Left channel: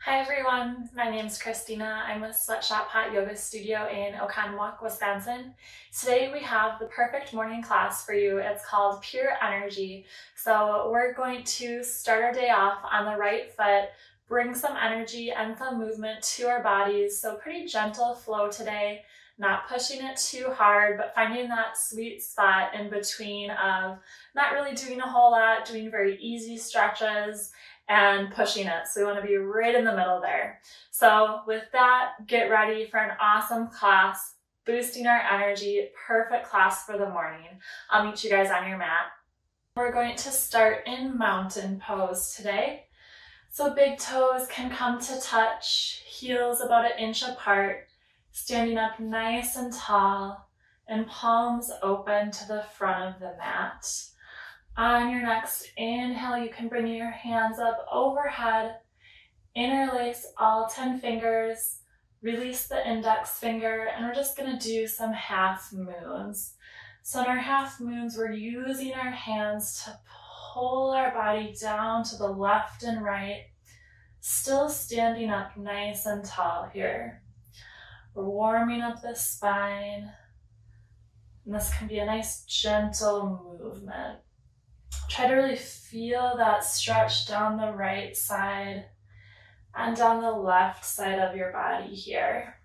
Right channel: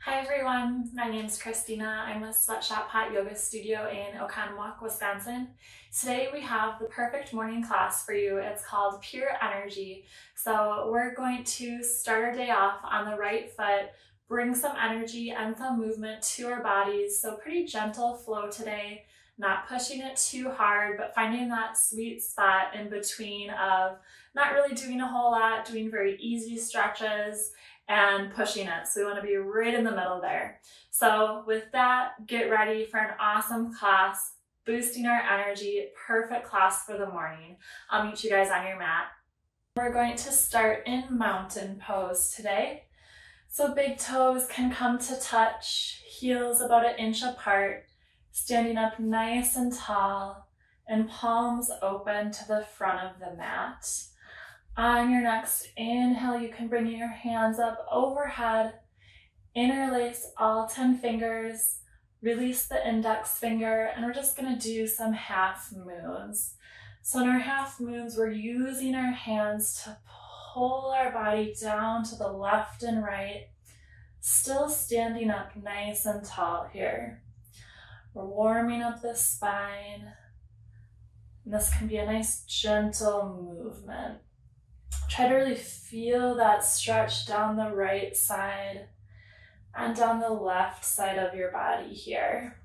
Hi everyone, my name is Christina. I'm with Sweatshop Hot Yoga Studio in Oconomowoc, Wisconsin. Today we have the perfect morning class for you. It's called Pure Energy. So we're going to start our day off on the right foot, bring some energy and some movement to our bodies. So pretty gentle flow today, not pushing it too hard, but finding that sweet spot in between of not really doing a whole lot, doing very easy stretches, and pushing it. So we want to be right in the middle there. So with that, get ready for an awesome class, boosting our energy, perfect class for the morning. I'll meet you guys on your mat. We're going to start in mountain pose today. So big toes can come to touch, heels about 1 inch apart, standing up nice and tall, and palms open to the front of the mat. On your next inhale, you can bring your hands up overhead, interlace all 10 fingers, release the index finger, and we're just gonna do some half moons. So in our half moons, we're using our hands to pull our body down to the left and right, still standing up nice and tall here. We're warming up the spine, and this can be a nice gentle movement. Try to really feel that stretch down the right side and down the left side of your body here.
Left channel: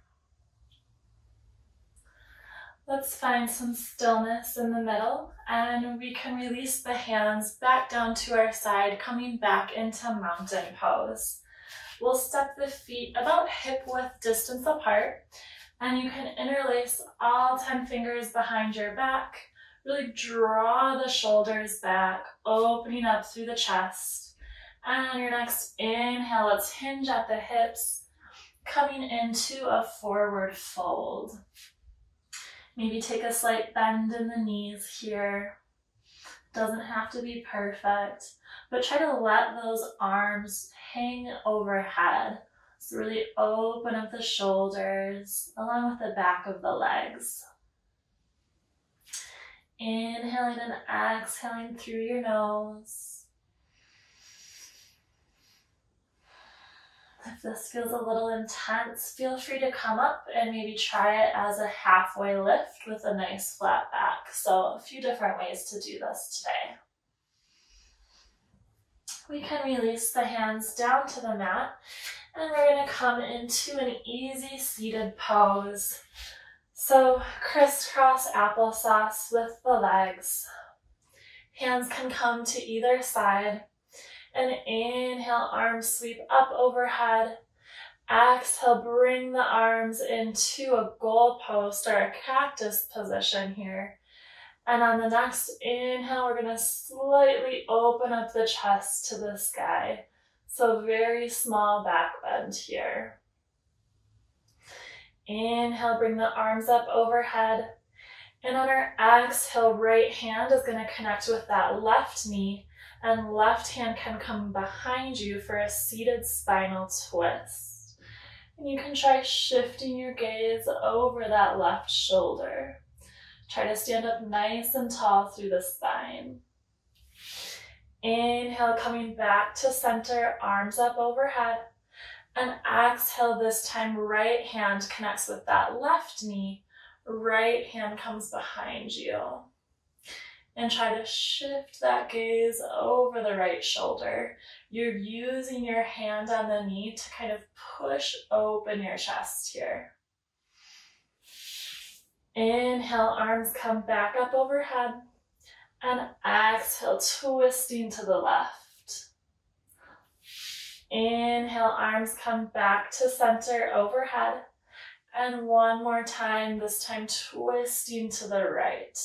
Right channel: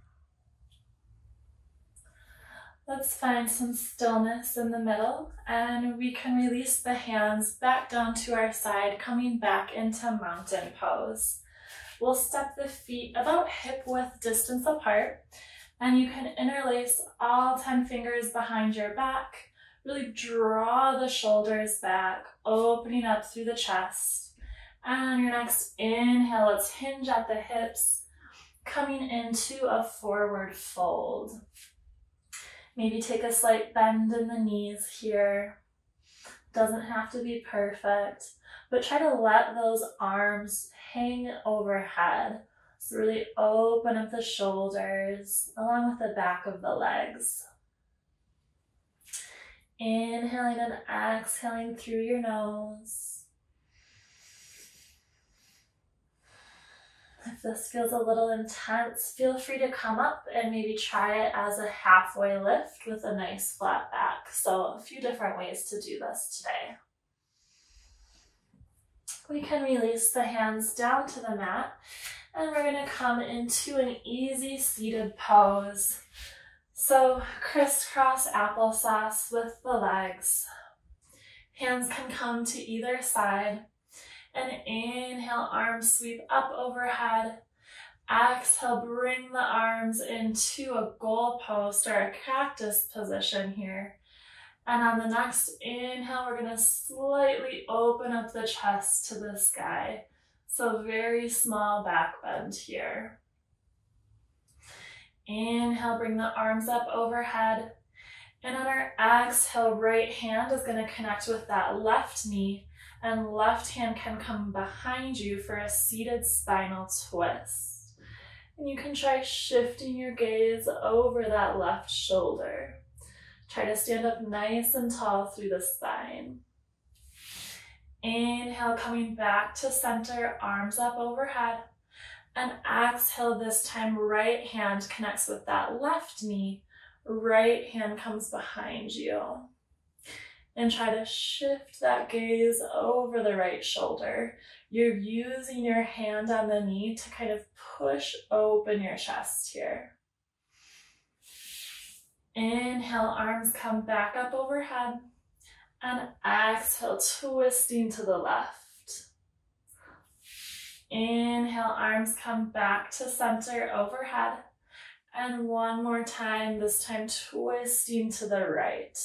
Let's find some stillness in the middle, and we can release the hands back down to our side, coming back into mountain pose. We'll step the feet about hip width distance apart, and you can interlace all 10 fingers behind your back. Really draw the shoulders back, opening up through the chest. And on your next inhale, let's hinge at the hips, coming into a forward fold. Maybe take a slight bend in the knees here. Doesn't have to be perfect, but try to let those arms hang overhead. So really open up the shoulders along with the back of the legs. Inhaling and exhaling through your nose. If this feels a little intense, feel free to come up and maybe try it as a halfway lift with a nice flat back. So a few different ways to do this today. We can release the hands down to the mat, and we're going to come into an easy seated pose. So crisscross applesauce with the legs. Hands can come to either side. And inhale, arms sweep up overhead. Exhale, bring the arms into a goalpost or a cactus position here. And on the next inhale, we're going to slightly open up the chest to the sky. So very small back bend here. Inhale, bring the arms up overhead. And on our exhale, right hand is going to connect with that left knee, and left hand can come behind you for a seated spinal twist. And you can try shifting your gaze over that left shoulder. Try to stand up nice and tall through the spine. Inhale, coming back to center, arms up overhead. And exhale, this time right hand connects with that left knee, right hand comes behind you. And try to shift that gaze over the right shoulder. You're using your hand on the knee to kind of push open your chest here. Inhale, arms come back up overhead. And exhale, twisting to the left. Inhale, arms come back to center overhead. And one more time, this time twisting to the right.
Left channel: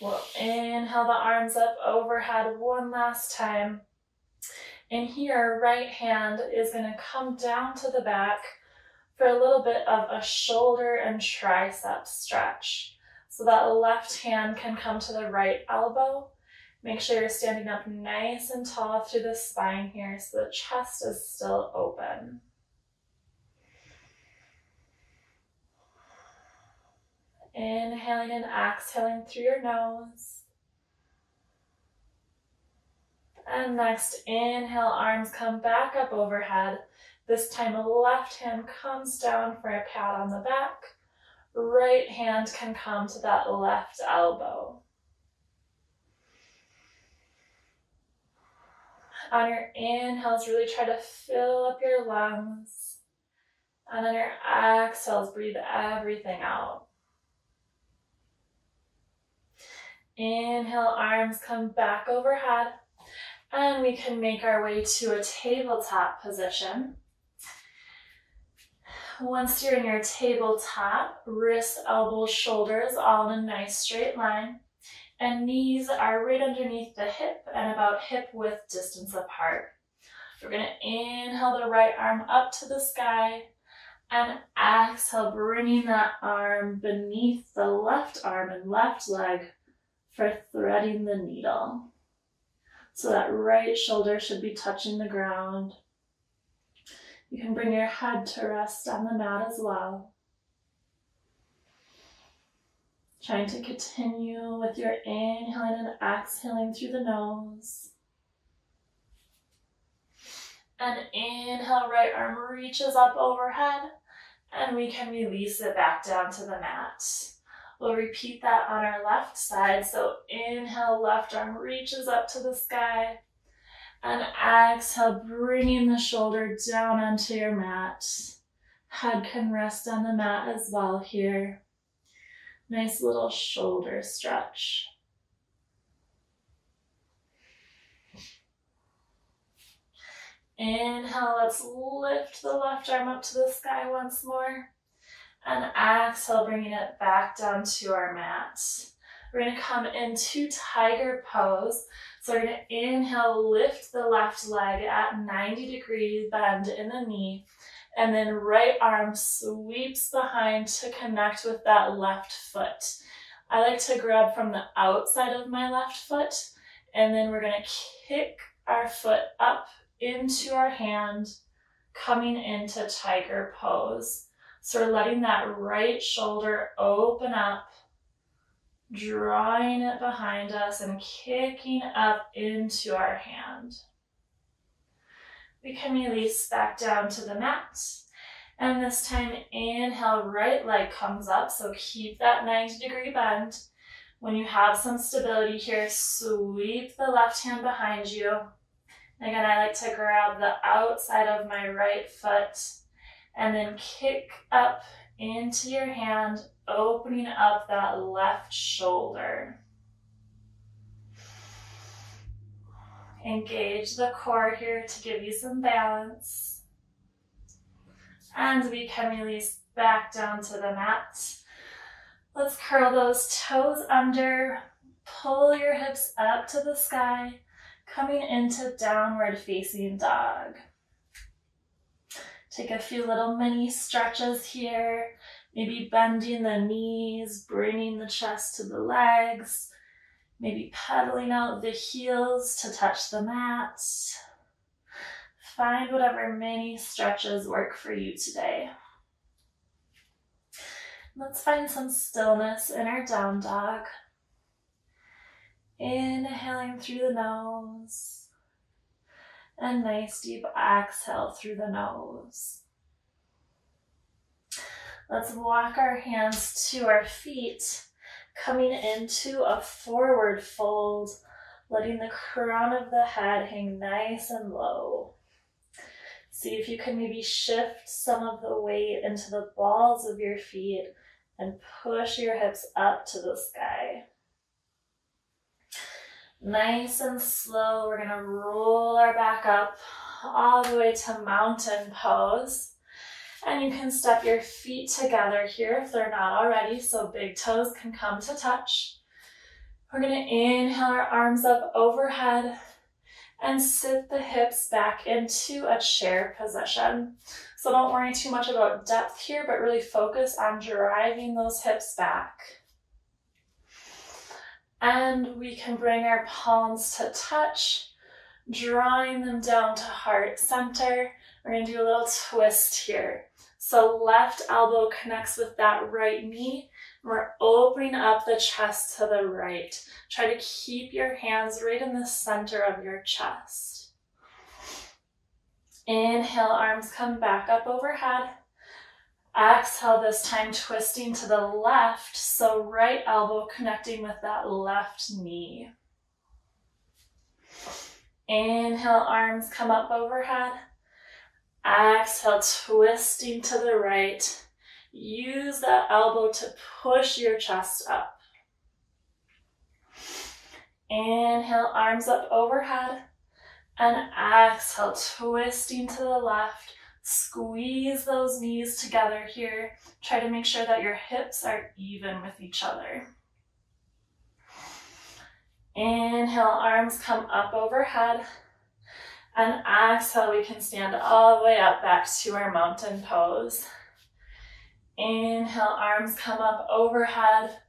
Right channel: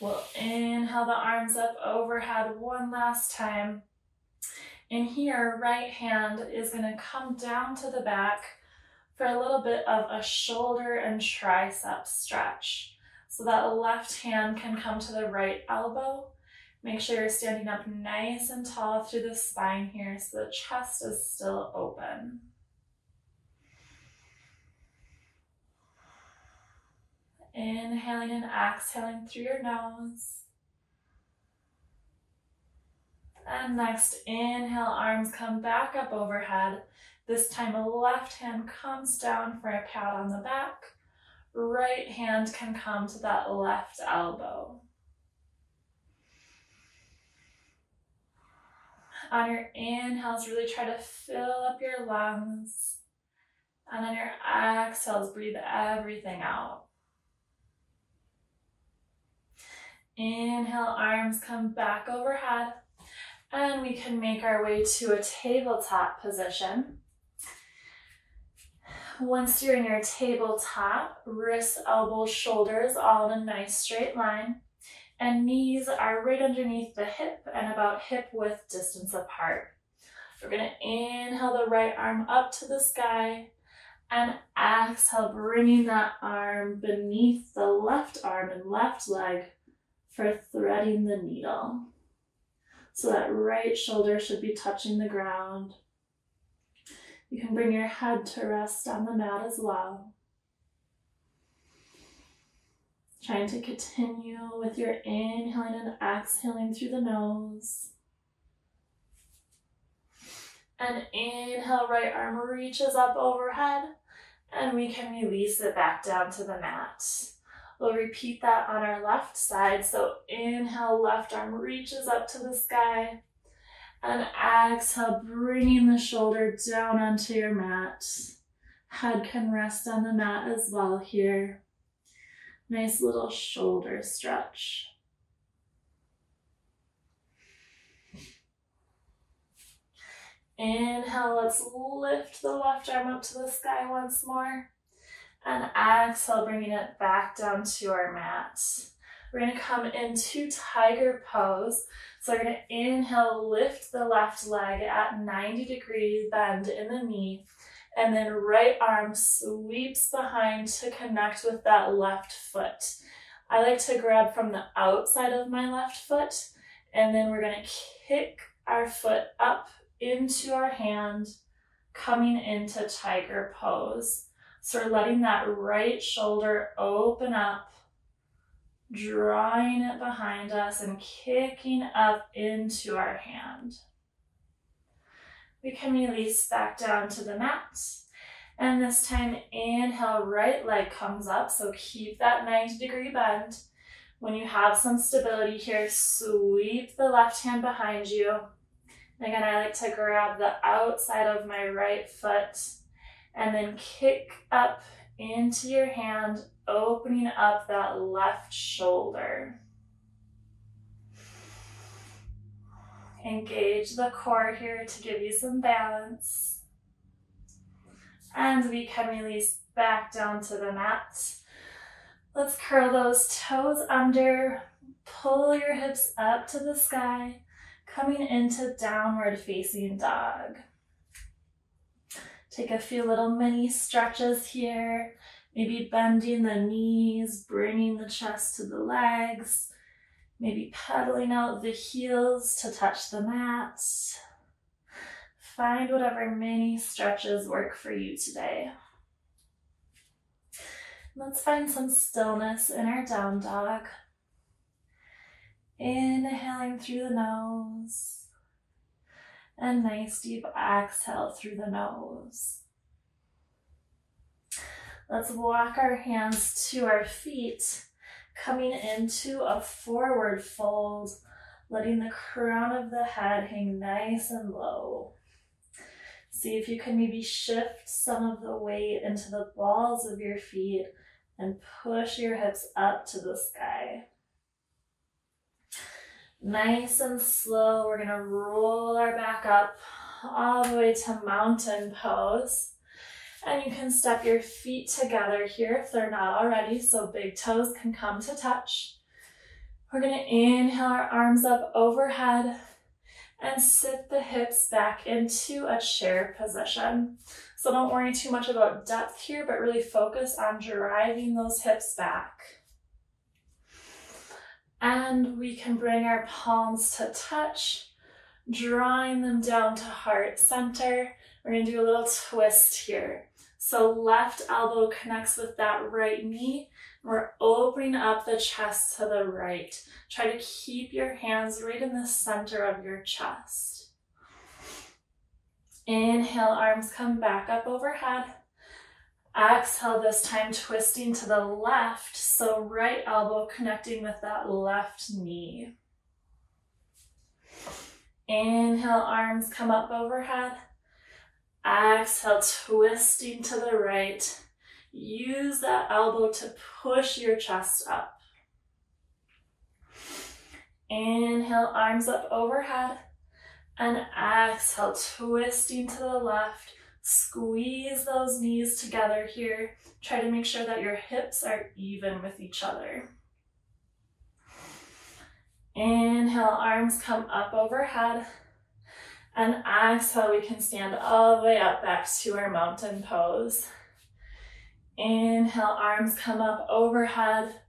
We'll inhale the arms up overhead one last time. And here, right hand is going to come down to the back for a little bit of a shoulder and tricep stretch. So that left hand can come to the right elbow. Make sure you're standing up nice and tall through the spine here so the chest is still open. Inhaling and exhaling through your nose. And next, inhale, arms come back up overhead. This time, left hand comes down for a pat on the back. Right hand can come to that left elbow. On your inhales, really try to fill up your lungs. And on your exhales, breathe everything out. Inhale, arms come back overhead. And we can make our way to a tabletop position. Once you're in your tabletop, wrists, elbows, shoulders all in a nice straight line. And knees are right underneath the hip and about hip width distance apart. We're going to inhale the right arm up to the sky and exhale, bringing that arm beneath the left arm and left leg for threading the needle. So that right shoulder should be touching the ground. You can bring your head to rest on the mat as well. Trying to continue with your inhaling and exhaling through the nose. And inhale, right arm reaches up overhead, and we can release it back down to the mat. We'll repeat that on our left side. So inhale, left arm reaches up to the sky. And exhale, bringing the shoulder down onto your mat. Head can rest on the mat as well here. Nice little shoulder stretch. Inhale, let's lift the left arm up to the sky once more. And exhale, bringing it back down to our mat. We're going to come into tiger pose. So we're going to inhale, lift the left leg at 90-degree bend in the knee. And then right arm sweeps behind to connect with that left foot. I like to grab from the outside of my left foot. And then we're going to kick our foot up into our hand, coming into tiger pose. So we're letting that right shoulder open up, drawing it behind us and kicking up into our hand. We can release back down to the mat. And this time, inhale, right leg comes up. So keep that 90-degree bend. When you have some stability here, sweep the left hand behind you. And again, I like to grab the outside of my right foot and then kick up into your hand, opening up that left shoulder. Engage the core here to give you some balance. And we can release back down to the mat. Let's curl those toes under, pull your hips up to the sky, coming into downward facing dog. Take a few little mini stretches here, maybe bending the knees, bringing the chest to the legs, maybe pedaling out the heels to touch the mat. Find whatever mini stretches work for you today. Let's find some stillness in our down dog. Inhaling through the nose. And nice deep exhale through the nose. Let's walk our hands to our feet, coming into a forward fold, letting the crown of the head hang nice and low. See if you can maybe shift some of the weight into the balls of your feet and push your hips up to the sky. Nice and slow, we're going to roll our back up all the way to mountain pose. And you can step your feet together here if they're not already, so big toes can come to touch. We're going to inhale our arms up overhead and sit the hips back into a chair position. So don't worry too much about depth here, but really focus on driving those hips back. And we can bring our palms to touch, drawing them down to heart center. We're going to do a little twist here. So left elbow connects with that right knee. We're opening up the chest to the right. Try to keep your hands right in the center of your chest. Inhale, arms come back up overhead. Exhale, this time twisting to the left, so right elbow connecting with that left knee. Inhale, arms come up overhead. Exhale, twisting to the right. Use that elbow to push your chest up. Inhale, arms up overhead. And exhale, twisting to the left. Squeeze those knees together here. Try to make sure that your hips are even with each other. Inhale, arms come up overhead. And exhale, we can stand all the way up back to our mountain pose. Inhale, arms come up overhead.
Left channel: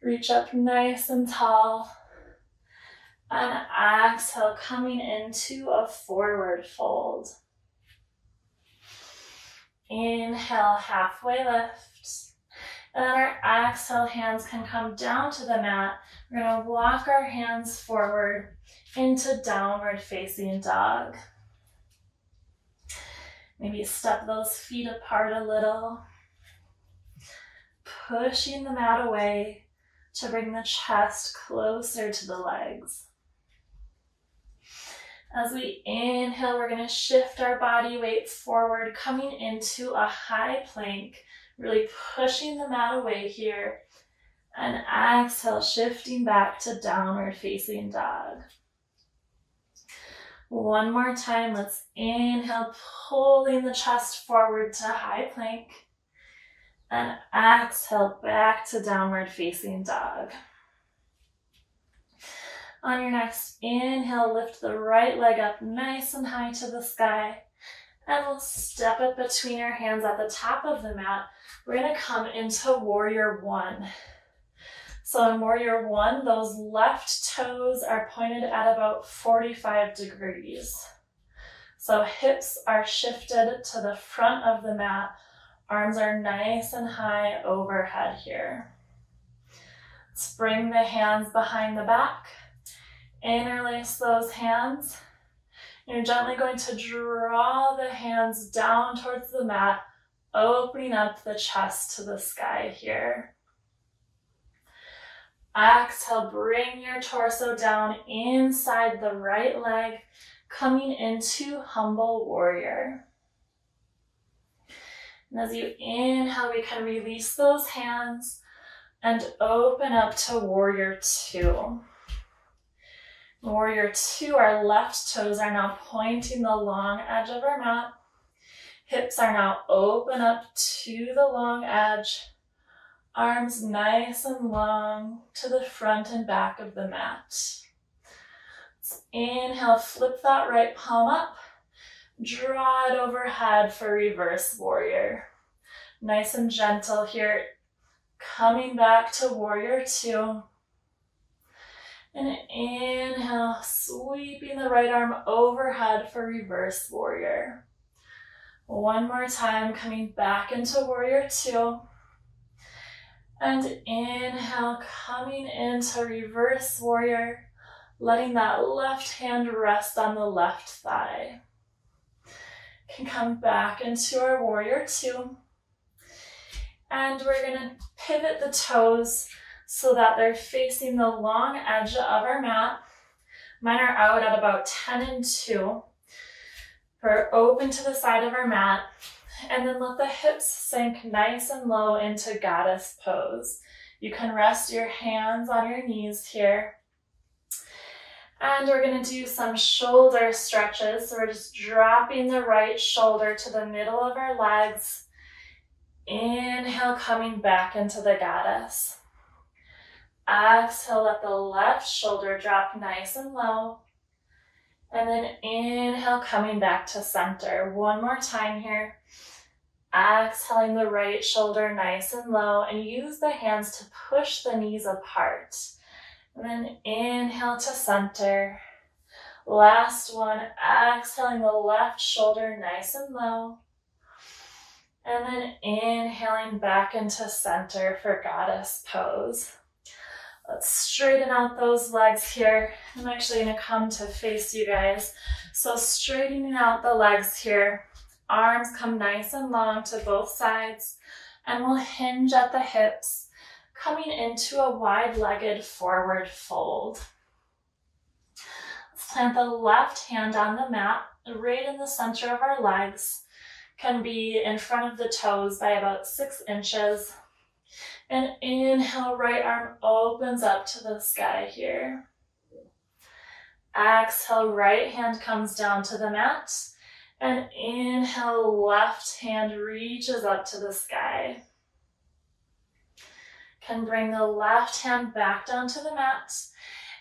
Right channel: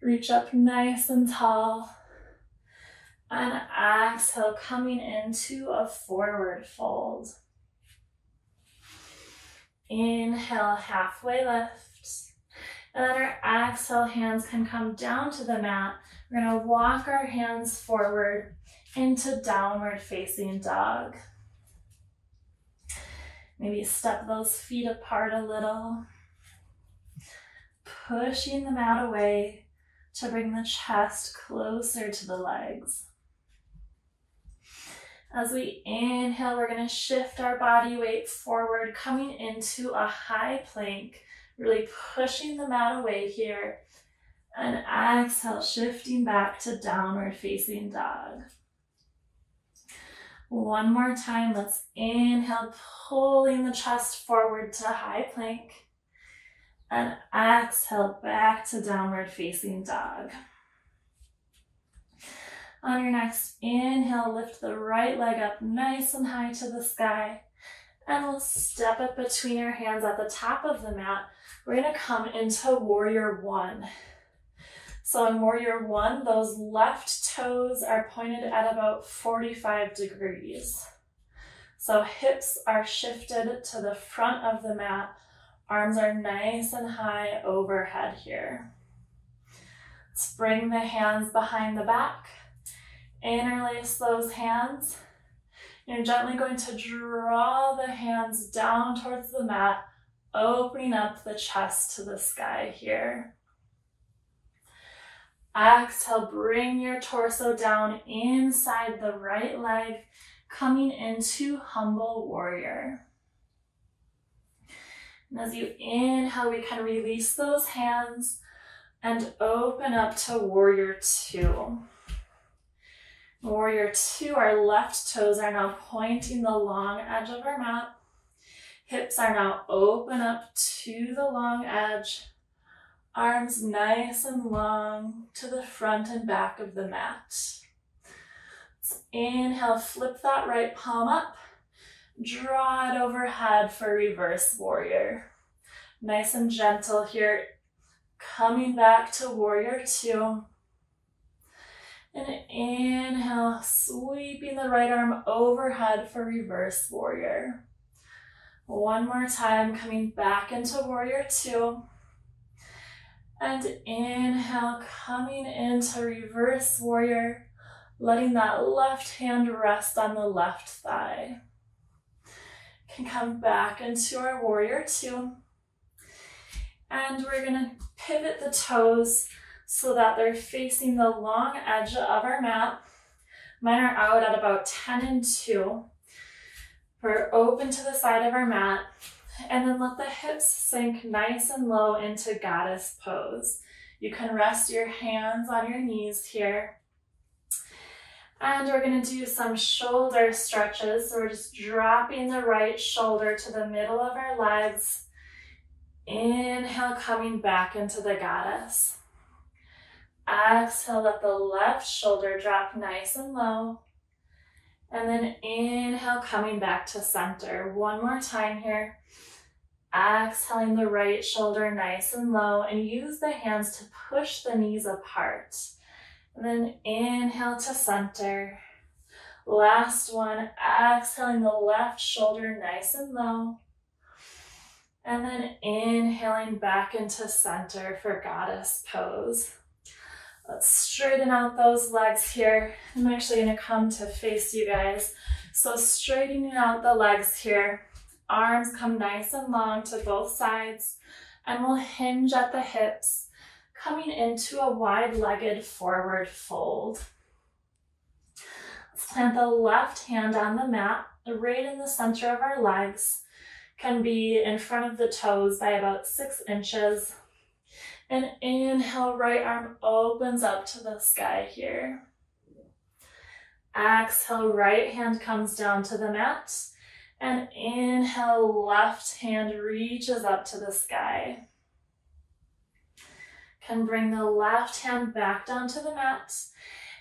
Reach up nice and tall. And exhale, coming into a forward fold. Inhale, halfway lift. And then our exhale, hands can come down to the mat. We're gonna walk our hands forward into downward facing dog. Maybe step those feet apart a little. Pushing the mat away to bring the chest closer to the legs. As we inhale, we're going to shift our body weight forward, coming into a high plank, really pushing the mat away here. And exhale, shifting back to downward facing dog. One more time, let's inhale, pulling the chest forward to high plank. And exhale, back to downward facing dog. On your next inhale, lift the right leg up nice and high to the sky. And we'll step it between our hands at the top of the mat. We're gonna come into warrior one. So in warrior one, those left toes are pointed at about 45 degrees. So hips are shifted to the front of the mat. Arms are nice and high overhead here. Let's bring the hands behind the back. Interlace those hands. You're gently going to draw the hands down towards the mat, opening up the chest to the sky here. Exhale, bring your torso down inside the right leg, coming into humble warrior. And as you inhale, we can release those hands and open up to warrior two. Warrior two, our left toes are now pointing the long edge of our mat. Hips are now open up to the long edge. Arms nice and long to the front and back of the mat. Let's inhale, flip that right palm up. Draw it overhead for reverse warrior. Nice and gentle here. Coming back to warrior two. And inhale, sweeping the right arm overhead for reverse warrior. One more time, coming back into warrior two. And inhale, coming into reverse warrior, letting that left hand rest on the left thigh. Can come back into our warrior two. And we're gonna pivot the toes so that they're facing the long edge of our mat. Mine are out at about 10 and 2. We're open to the side of our mat. And then let the hips sink nice and low into goddess pose. You can rest your hands on your knees here. And we're gonna do some shoulder stretches. So we're just dropping the right shoulder to the middle of our legs. Inhale, coming back into the goddess. Exhale, let the left shoulder drop nice and low. And then inhale, coming back to center. One more time here. Exhaling the right shoulder nice and low, and use the hands to push the knees apart. And then inhale to center. Last one, exhaling the left shoulder nice and low. And then inhaling back into center for goddess pose. Let's straighten out those legs here. I'm actually going to come to face you guys. So straightening out the legs here. Arms come nice and long to both sides. And we'll hinge at the hips, coming into a wide-legged forward fold. Let's plant the left hand on the mat, right in the center of our legs. Can be in front of the toes by about 6 inches. And inhale, right arm opens up to the sky here. Exhale, right hand comes down to the mat. And inhale, left hand reaches up to the sky. Can bring the left hand back down to the mat.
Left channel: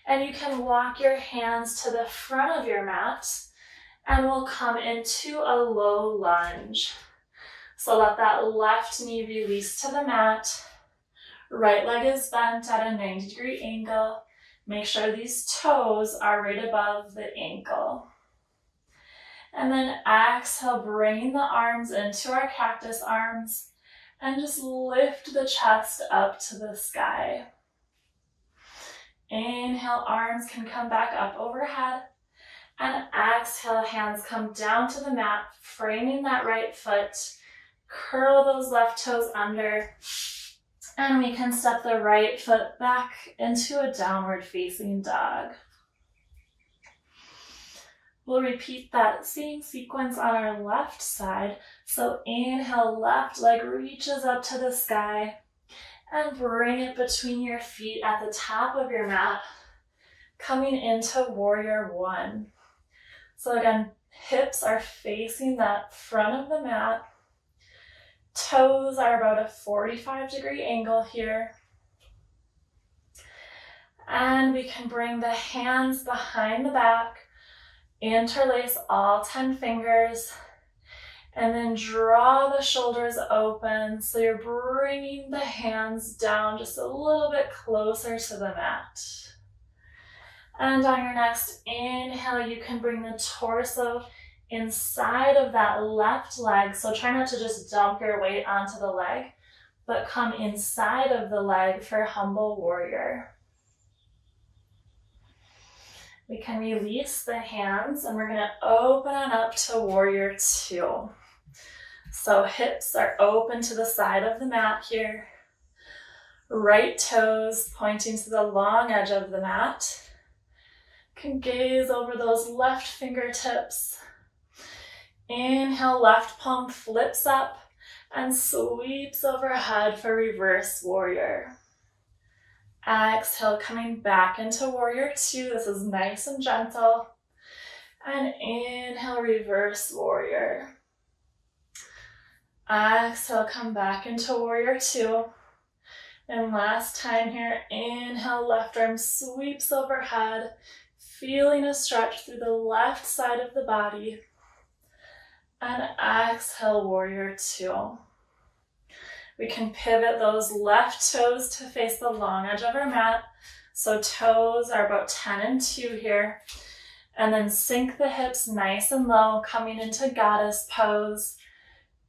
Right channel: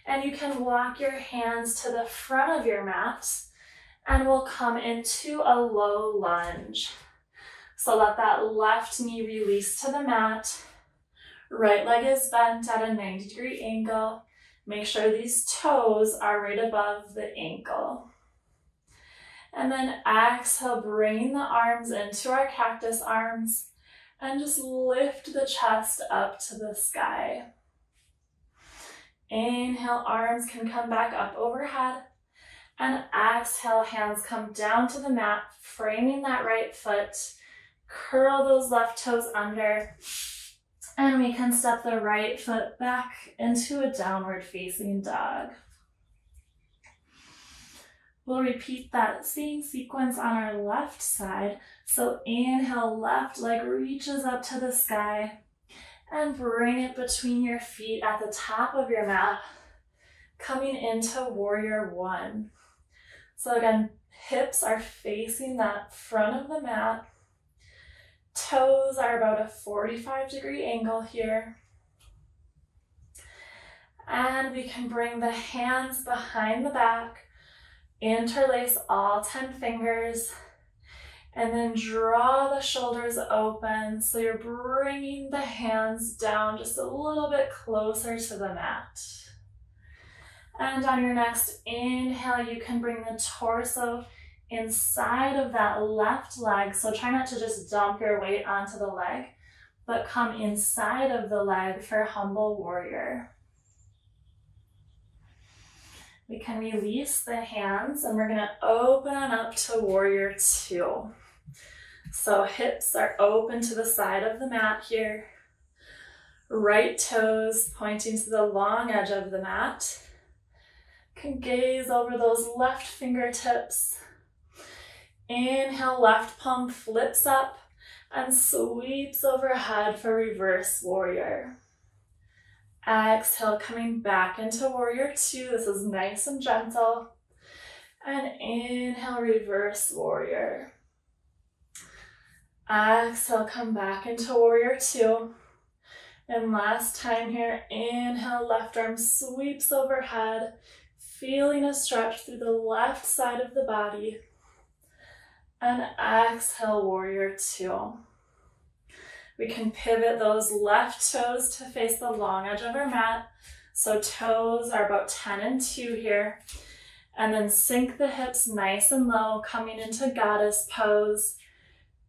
And you can walk your hands to the front of your mat. And we'll come into a low lunge. So let that left knee release to the mat. Right leg is bent at a 90-degree angle. Make sure these toes are right above the ankle. And then exhale, bringing the arms into our cactus arms. And just lift the chest up to the sky. Inhale, arms can come back up overhead. And exhale, hands come down to the mat, framing that right foot. Curl those left toes under. And we can step the right foot back into a downward facing dog. We'll repeat that same sequence on our left side. So inhale, left leg reaches up to the sky. And bring it between your feet at the top of your mat. Coming into warrior one. So again, hips are facing that front of the mat. Toes are about a 45-degree angle here. And we can bring the hands behind the back, interlace all 10 fingers, and then draw the shoulders open. So you're bringing the hands down just a little bit closer to the mat. And on your next inhale, you can bring the torso inside of that left leg. So try not to just dump your weight onto the leg, but come inside of the leg for humble warrior. We can release the hands and we're going to open on up to warrior two. So hips are open to the side of the mat here. Right toes pointing to the long edge of the mat. Can gaze over those left fingertips. Inhale, left palm flips up and sweeps overhead for reverse warrior. Exhale, coming back into warrior two. This is nice and gentle. And inhale, reverse warrior. Exhale, come back into warrior two. And last time here, inhale, left arm sweeps overhead, feeling a stretch through the left side of the body. And exhale, warrior two. We can pivot those left toes to face the long edge of our mat. So toes are about 10 and 2 here. And then sink the hips nice and low, coming into goddess pose.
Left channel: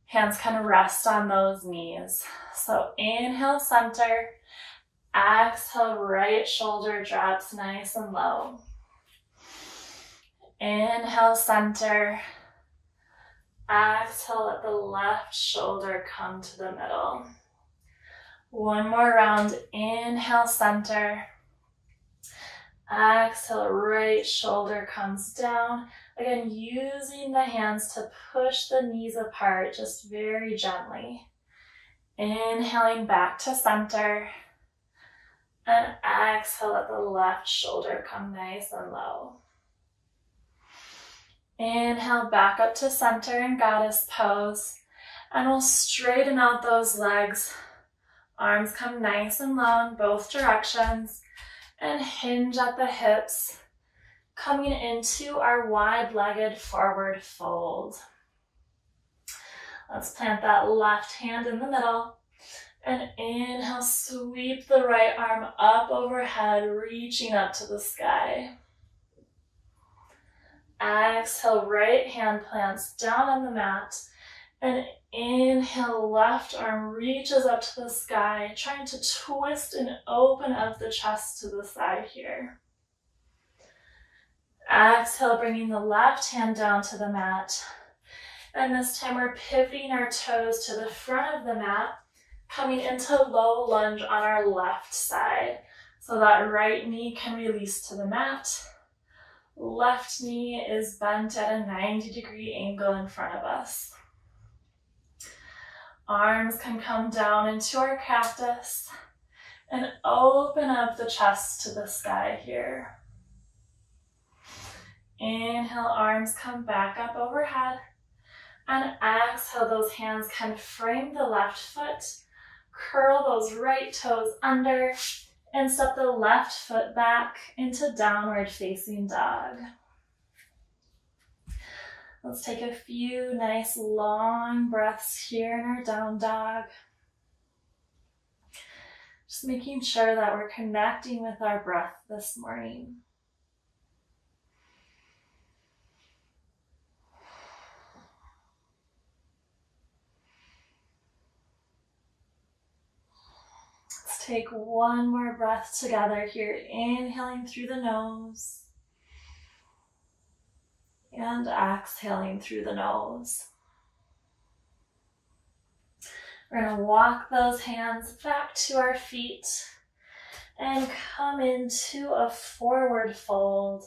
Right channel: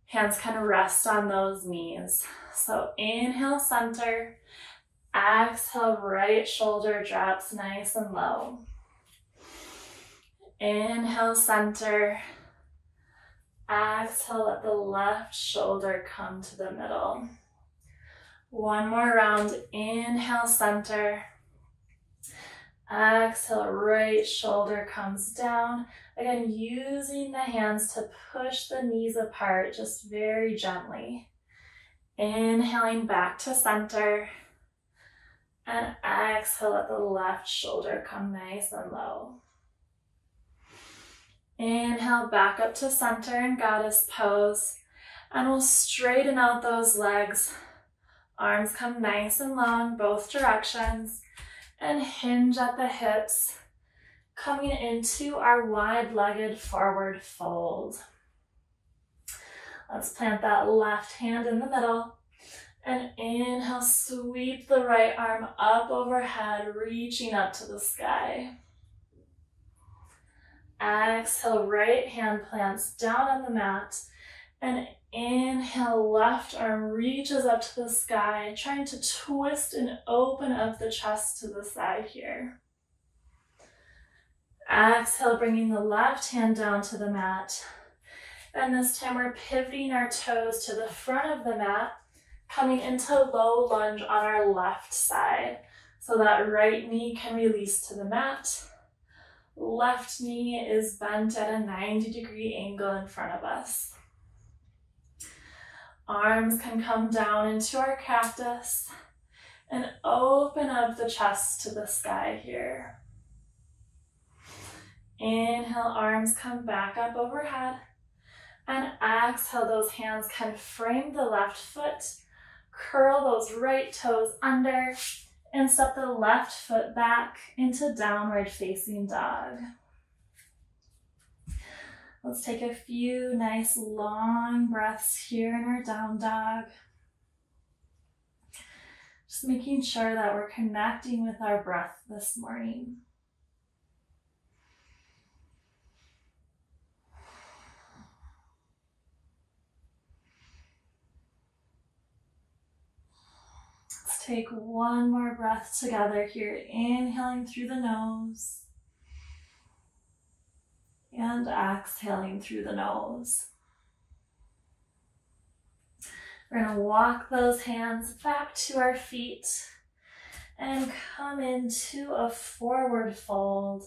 Hands can rest on those knees. So inhale, center. Exhale, right shoulder drops nice and low. Inhale, center. Exhale, let the left shoulder come to the middle. One more round. Inhale, center. Exhale, right shoulder comes down. Again, using the hands to push the knees apart just very gently. Inhaling back to center. And exhale, let the left shoulder come nice and low. Inhale, back up to center in goddess pose. And we'll straighten out those legs. Arms come nice and long, both directions. And hinge at the hips, coming into our wide-legged forward fold. Let's plant that left hand in the middle. And inhale, sweep the right arm up overhead, reaching up to the sky. Exhale, right hand plants down on the mat. And inhale, left arm reaches up to the sky, trying to twist and open up the chest to the side here. Exhale, bringing the left hand down to the mat. And this time we're pivoting our toes to the front of the mat, coming into low lunge on our left side. So that right knee can release to the mat. Left knee is bent at a 90-degree angle in front of us. Arms can come down into our cactus and open up the chest to the sky here. Inhale, arms come back up overhead. And exhale, those hands can frame the left foot. Curl those right toes under and step the left foot back into downward facing dog. Let's take a few nice long breaths here in our down dog. Just making sure that we're connecting with our breath this morning. Let's take one more breath together here, inhaling through the nose and exhaling through the nose. We're going to walk those hands back to our feet and come into a forward fold.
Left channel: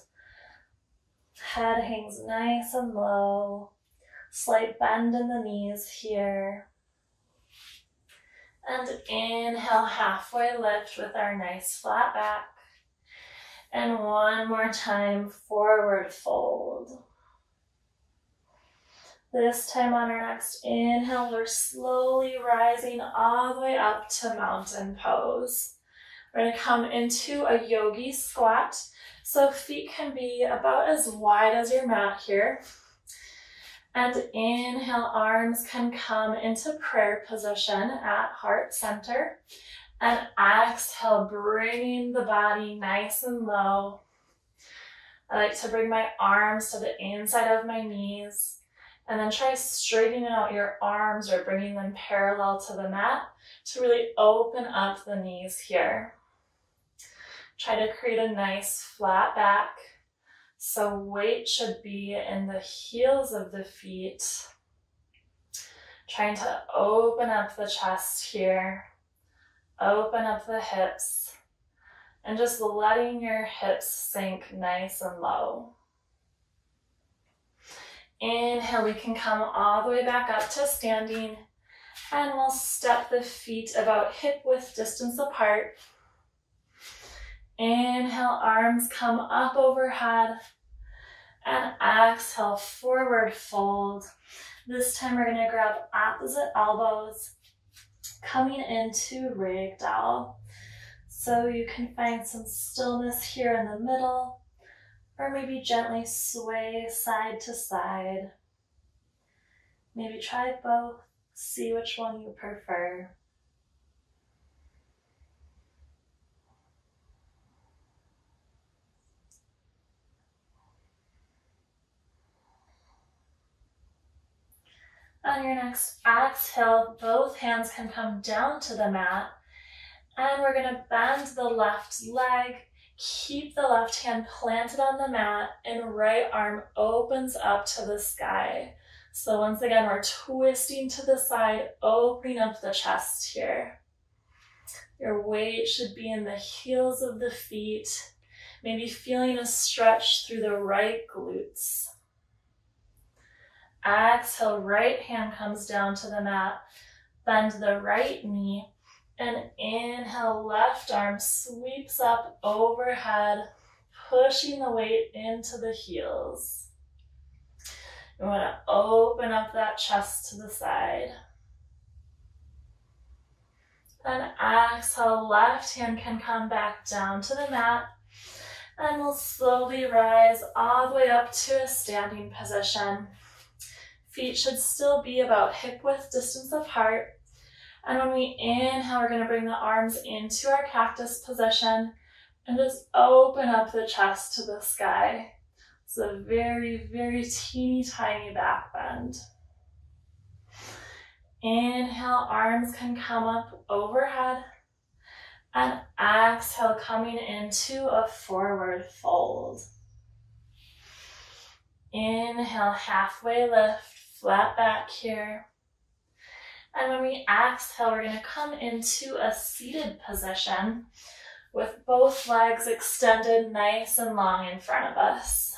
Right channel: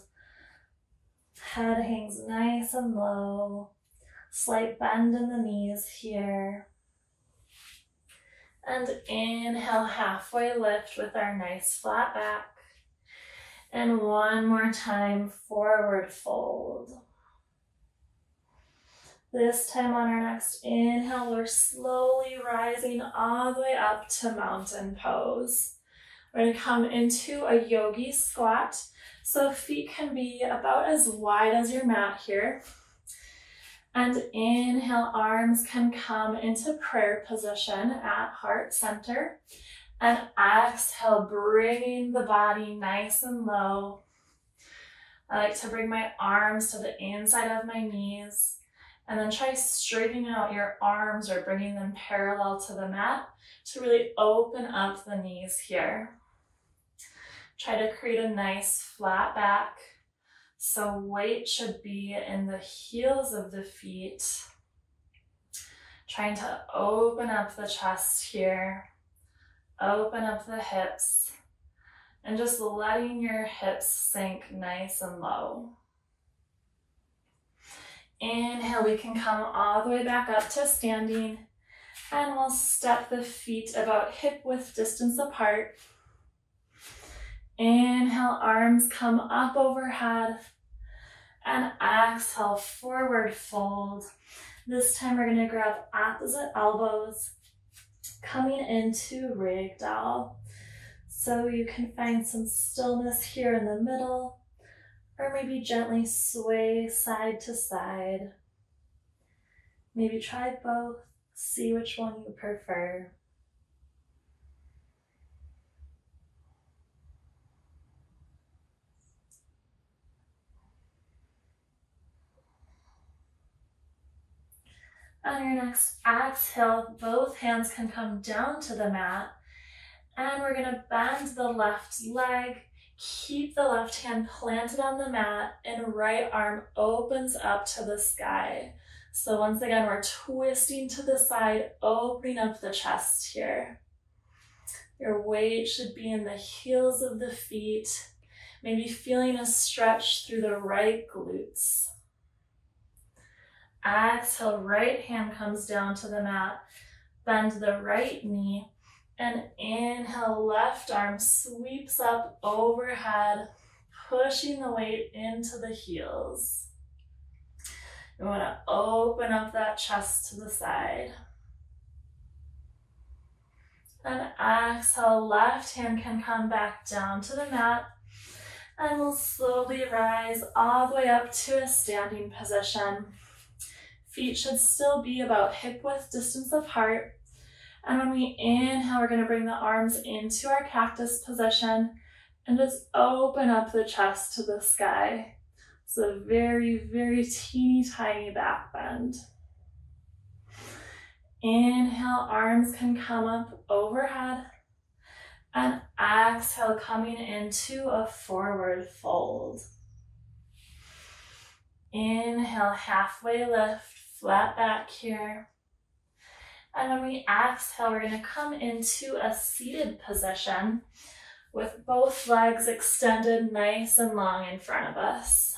Head hangs nice and low. Slight bend in the knees here. And inhale, halfway lift with our nice flat back. And one more time, forward fold. This time on our next inhale, we're slowly rising all the way up to mountain pose. We're going to come into a yogi squat. So feet can be about as wide as your mat here. And inhale, arms can come into prayer position at heart center. And exhale, bringing the body nice and low. I like to bring my arms to the inside of my knees. And then try straightening out your arms or bringing them parallel to the mat to really open up the knees here. Try to create a nice flat back. So weight should be in the heels of the feet. Trying to open up the chest here. Open up the hips. And just letting your hips sink nice and low. Inhale, we can come all the way back up to standing. And we'll step the feet about hip width distance apart. Inhale, arms come up overhead. And exhale, forward fold. This time we're going to grab opposite elbows, coming into ragdoll. So you can find some stillness here in the middle, or maybe gently sway side to side. Maybe try both, see which one you prefer. On your next exhale, both hands can come down to the mat. And we're going to bend the left leg, keep the left hand planted on the mat, and right arm opens up to the sky. So once again, we're twisting to the side, opening up the chest here. Your weight should be in the heels of the feet, maybe feeling a stretch through the right glutes. Exhale, right hand comes down to the mat, bend the right knee, and inhale, left arm sweeps up overhead, pushing the weight into the heels. You want to open up that chest to the side. Then exhale, left hand can come back down to the mat, and we'll slowly rise all the way up to a standing position. Feet should still be about hip width distance apart. And when we inhale, we're going to bring the arms into our cactus position and just open up the chest to the sky. So a very, very teeny tiny back bend. Inhale, arms can come up overhead. And exhale, coming into a forward fold. Inhale, halfway lift, flat back here. And when we exhale, we're going to come into a seated position with both legs extended nice and long in front of us.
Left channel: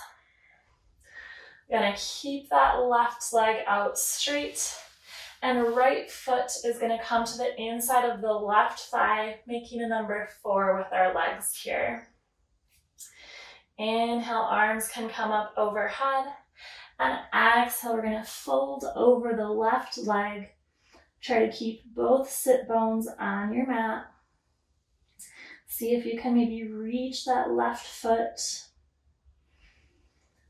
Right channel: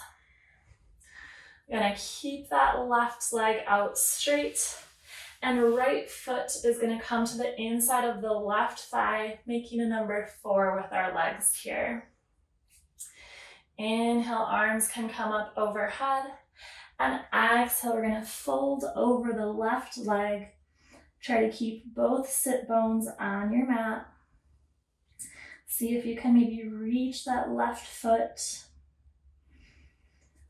We're going to keep that left leg out straight, and right foot is going to come to the inside of the left thigh, making a number 4 with our legs here. Inhale, arms can come up overhead, and exhale, we're going to fold over the left leg. Try to keep both sit bones on your mat. See if you can maybe reach that left foot.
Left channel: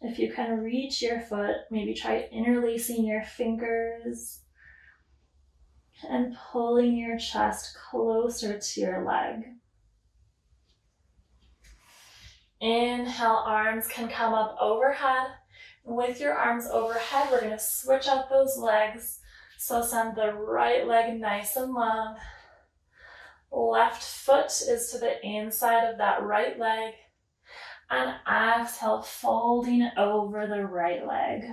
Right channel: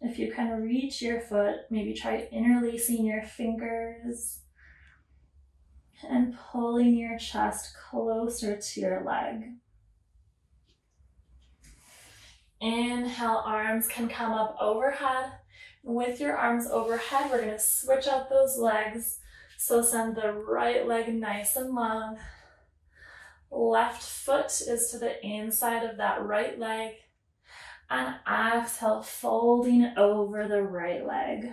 If you can reach your foot, maybe try interlacing your fingers and pulling your chest closer to your leg. Inhale, arms can come up overhead. With your arms overhead, we're going to switch out those legs. So send the right leg nice and long. Left foot is to the inside of that right leg. And exhale, folding over the right leg.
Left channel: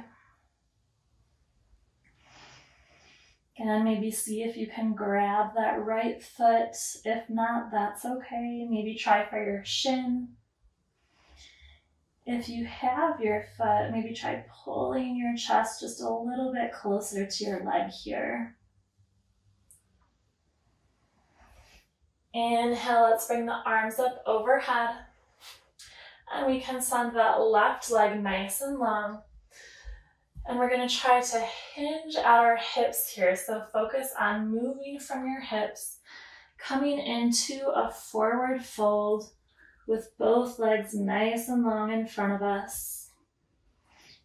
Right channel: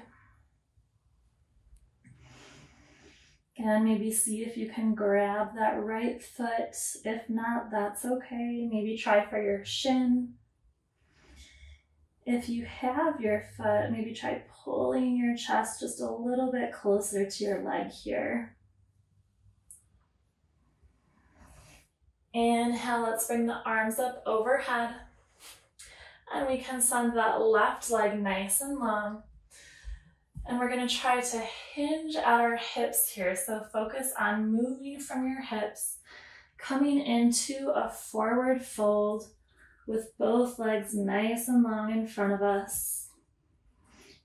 Again, maybe see if you can grab that right foot. If not, that's okay. Maybe try for your shin. If you have your foot, maybe try pulling your chest just a little bit closer to your leg here. Inhale, let's bring the arms up overhead. And we can send that left leg nice and long. And we're going to try to hinge at our hips here. So focus on moving from your hips, coming into a forward fold with both legs nice and long in front of us.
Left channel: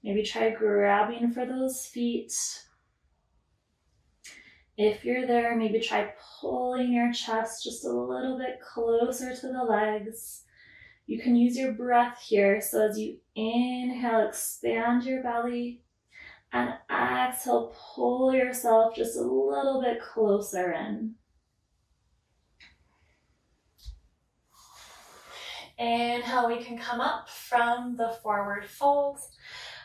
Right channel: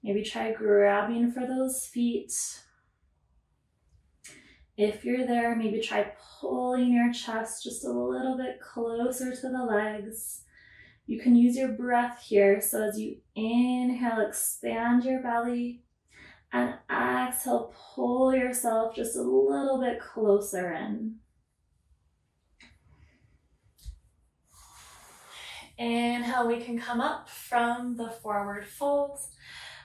Maybe try grabbing for those feet. If you're there, maybe try pulling your chest just a little bit closer to the legs. You can use your breath here. So as you inhale, expand your belly, and exhale, pull yourself just a little bit closer in. Inhale, we can come up from the forward fold,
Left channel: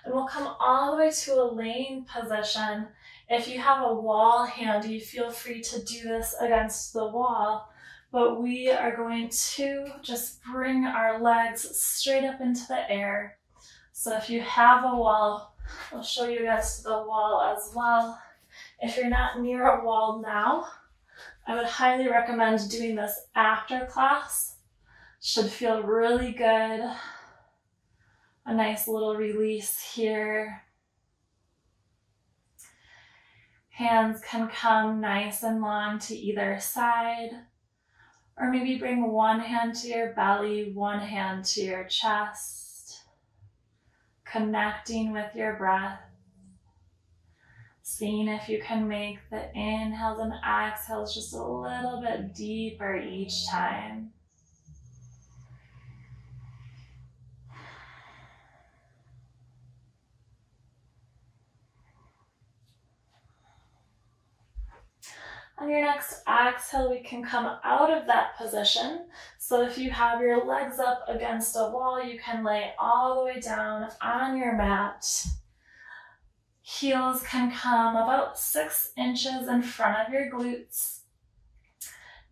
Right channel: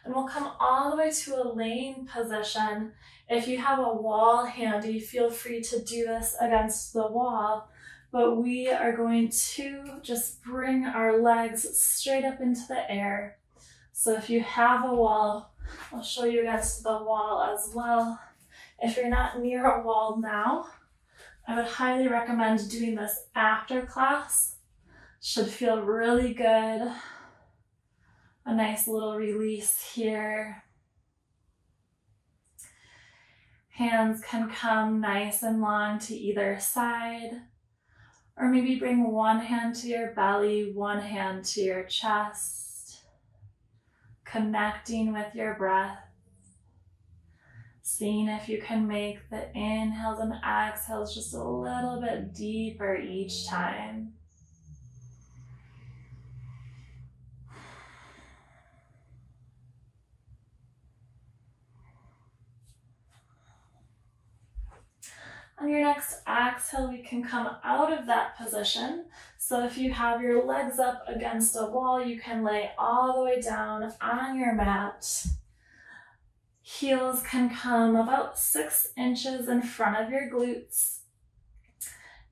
and we'll come all the way to a laying position. If you have a wall handy, feel free to do this against the wall, but we are going to just bring our legs straight up into the air. So if you have a wall, I'll show you guys to the wall as well. If you're not near a wall now, I would highly recommend doing this after class. Should feel really good. A nice little release here. Hands can come nice and long to either side, or maybe bring one hand to your belly, one hand to your chest, connecting with your breath. Seeing if you can make the inhales and exhales just a little bit deeper each time. On your next exhale, we can come out of that position. So if you have your legs up against a wall, you can lay all the way down on your mat. Heels can come about 6 inches in front of your glutes.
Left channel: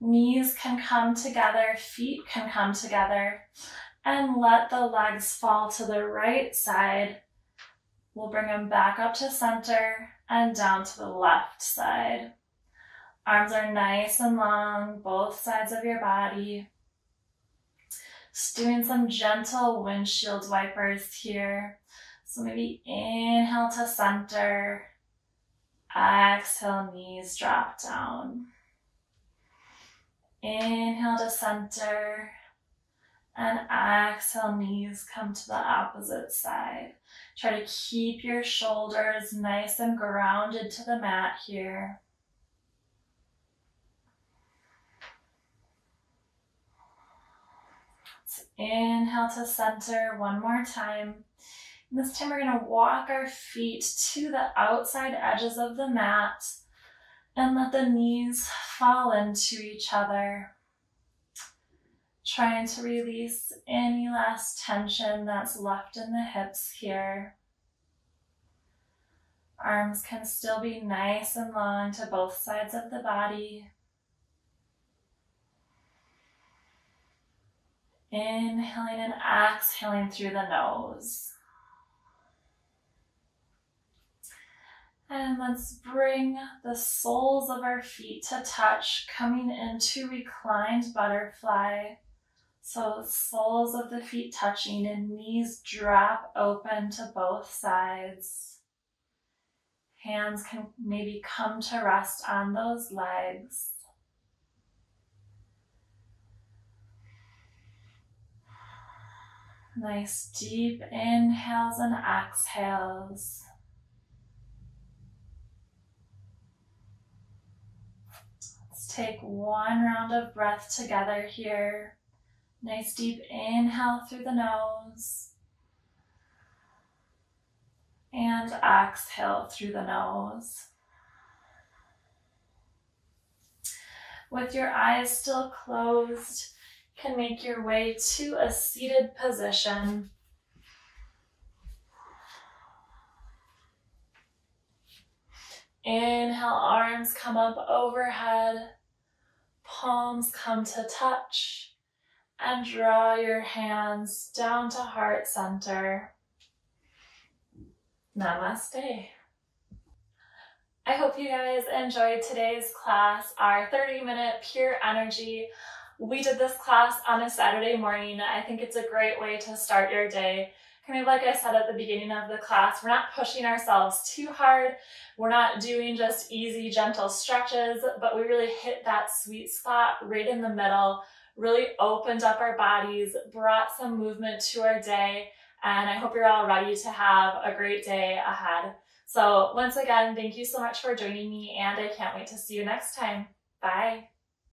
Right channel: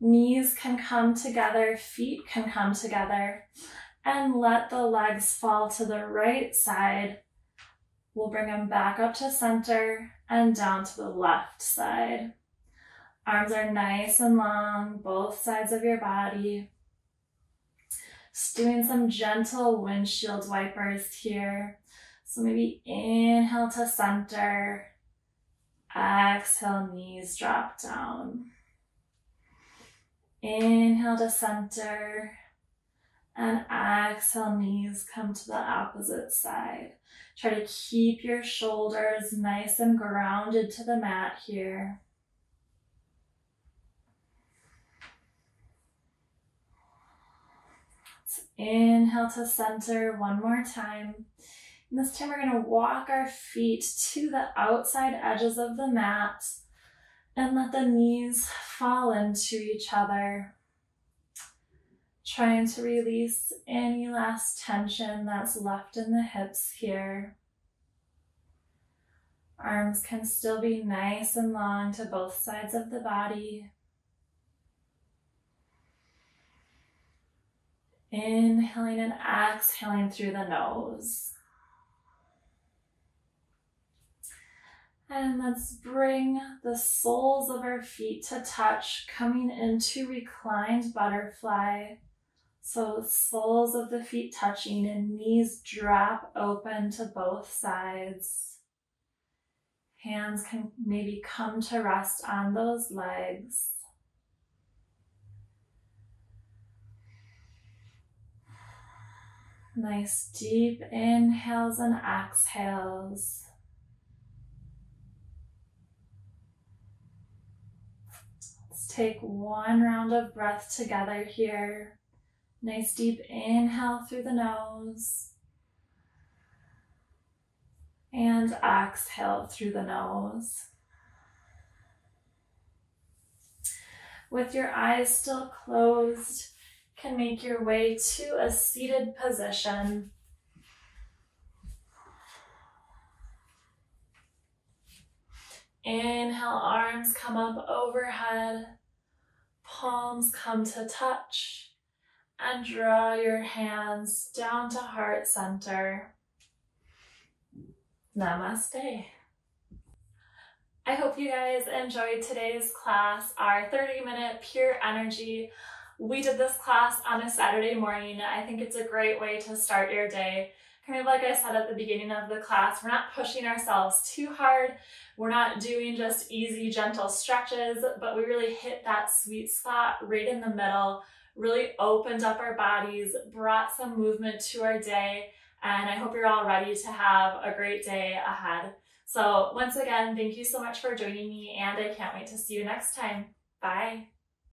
Knees can come together, feet can come together, and let the legs fall to the right side. We'll bring them back up to center and down to the left side. Arms are nice and long, both sides of your body. Just doing some gentle windshield wipers here. So maybe inhale to center, exhale, knees drop down. Inhale to center, and exhale, knees come to the opposite side. Try to keep your shoulders nice and grounded to the mat here. Inhale to center one more time. And this time we're going to walk our feet to the outside edges of the mat And let the knees fall into each other, trying to release any last tension that's left in the hips here. Arms can still be nice and long to both sides of the body. Inhaling and exhaling through the nose. And let's bring the soles of our feet to touch, coming into reclined butterfly. So soles of the feet touching and knees drop open to both sides. Hands can maybe come to rest on those legs. Nice deep inhales and exhales. Let's take one round of breath together here. Nice deep inhale through the nose. And exhale through the nose. With your eyes still closed, you can make your way to a seated position. Inhale, arms come up overhead, palms come to touch, and draw your hands down to heart center. Namaste. I hope you guys enjoyed today's class, our 30-minute pure energy. We did this class on a Saturday morning. I think it's a great way to start your day. Kind of like I said at the beginning of the class, we're not pushing ourselves too hard. We're not doing just easy, gentle stretches, but we really hit that sweet spot right in the middle, really opened up our bodies, brought some movement to our day, and I hope you're all ready to have a great day ahead. So once again, thank you so much for joining me, and I can't wait to see you next time. Bye.